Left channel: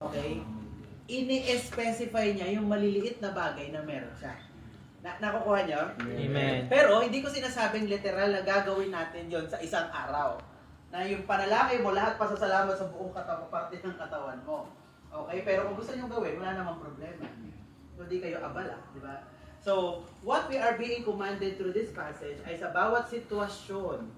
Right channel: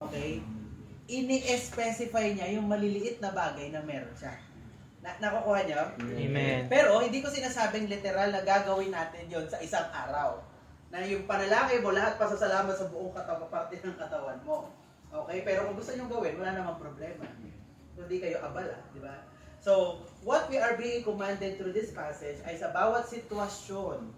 Okay? Ini-specify niya yung maliliit na bagay na meron siya. Nakukuha niyo? Amen. Pero hindi ko sinasabing literal na gagawin natin yon sa isang araw. Na yung panalangin mo, lahat pasasalamat sa buong katawan, parte ng katawan mo. Okay? Pero kung gusto niyo gawin, wala namang problema. Hindi kayo abala, di ba? So, what we are being commanded through this passage ay sa bawat sitwasyon,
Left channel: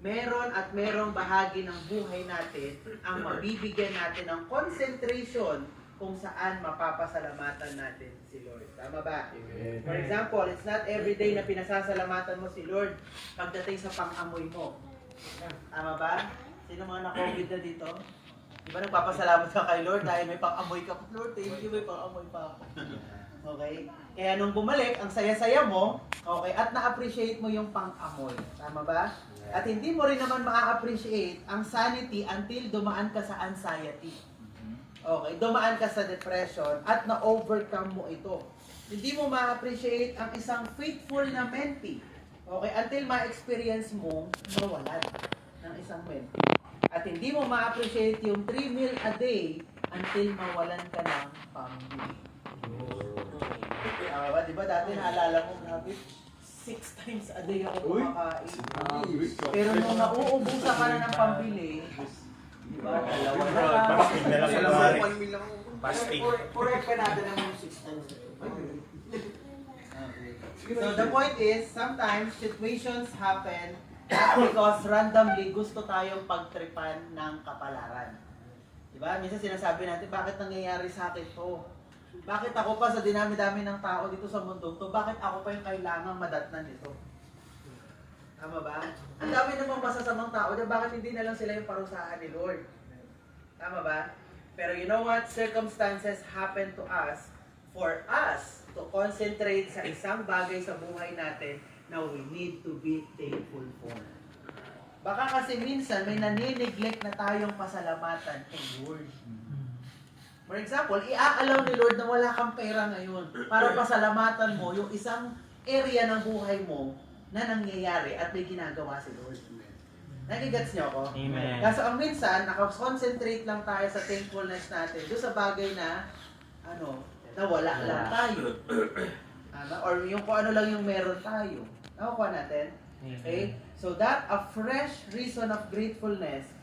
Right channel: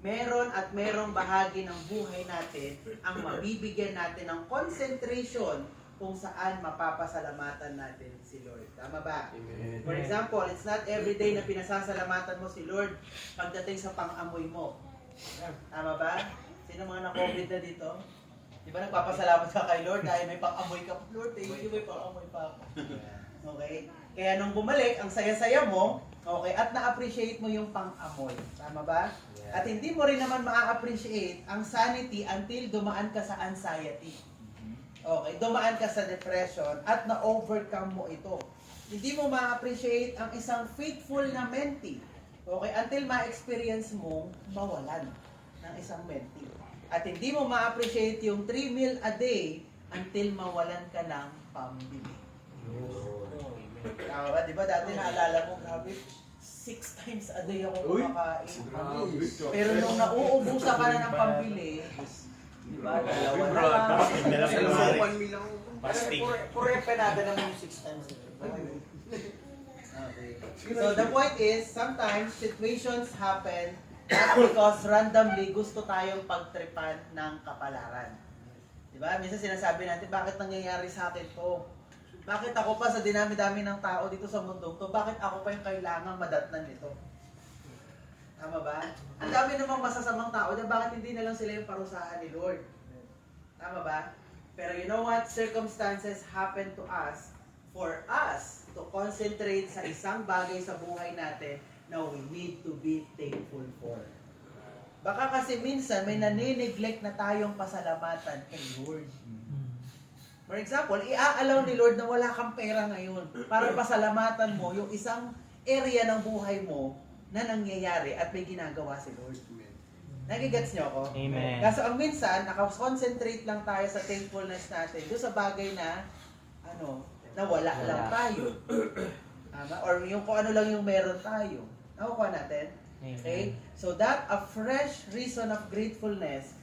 meron at merong bahagi ng buhay natin ang mabibigyan natin ng concentration kung saan mapapasalamatan natin si Lord. Tama ba? Amen. For example, it's not every day na pinasasalamatan mo si Lord pagdating sa pang-amoy mo. Tama ba? Sino mga na-COVID na dito? Di ba nagpapasalamat ka kay Lord dahil may pang-amoy ka? Lord, thank you, may pang-amoy pa ako. Okay? Kaya nung bumalik, ang saya-saya mo, okay, at na-appreciate mo yung pang-amoy. Tama ba? At hindi mo rin naman ma-appreciate ang sanity until dumaan ka sa anxiety. Okay, dumaan ka sa depression at na-overcome mo ito. Hindi mo ma-appreciate ang isang faithful na mentee. Okay, until ma-experience mo mawalan ng isang mentee. At hindi mo ma-appreciate yung 3 meal a day until mawalan ka ng pambili. Di ba dati naalala ko, grabe, 6 times a day ako kumakain. Pero nung nauubusan ka na ng pambili, di ba, dalawa na lang. Fasting na lang Alam mo, kunwari. 1 meal lang ako. Fasting. Correct ka natin naman yung 6 times a day. Okay. So the point is, sometimes situations happen not because randomly gusto tayong pagtripan ng kapalaran. Diba? Minsan sinasabi natin, bakit nangyayari sa akin to? Bakit ako pa sa dinami-dami ng tao dito sa mundo to? Bakit ako pa yung kailangang madatnan nito? Tama ba? Ang dami namang masasamang tao, diba? Bakit hindi na lang sila yung parusahan ni Lord? Tama ba? Pero you know what? Circumstances happen to us for us to concentrate sa isang bagay sa buhay natin na we need to be thankful for. Baka kasi minsan may nanineglect na tayong pasalamatan kay Lord. For example, i-allow ni Lord na wala kang pera ngayon para pasalamatan mo yung isang area ng buhay mo na nangyayari at may ginagawa si Lord. Nagigets niyo ako? Amen. Kaso ang minsan, nakakonsentrate lang tayo sa thankfulness natin doon sa bagay na na wala lang tayo. Or yung kung ano lang yung meron tayo. Nakukuha natin? Okay? So that a fresh reason of gratefulness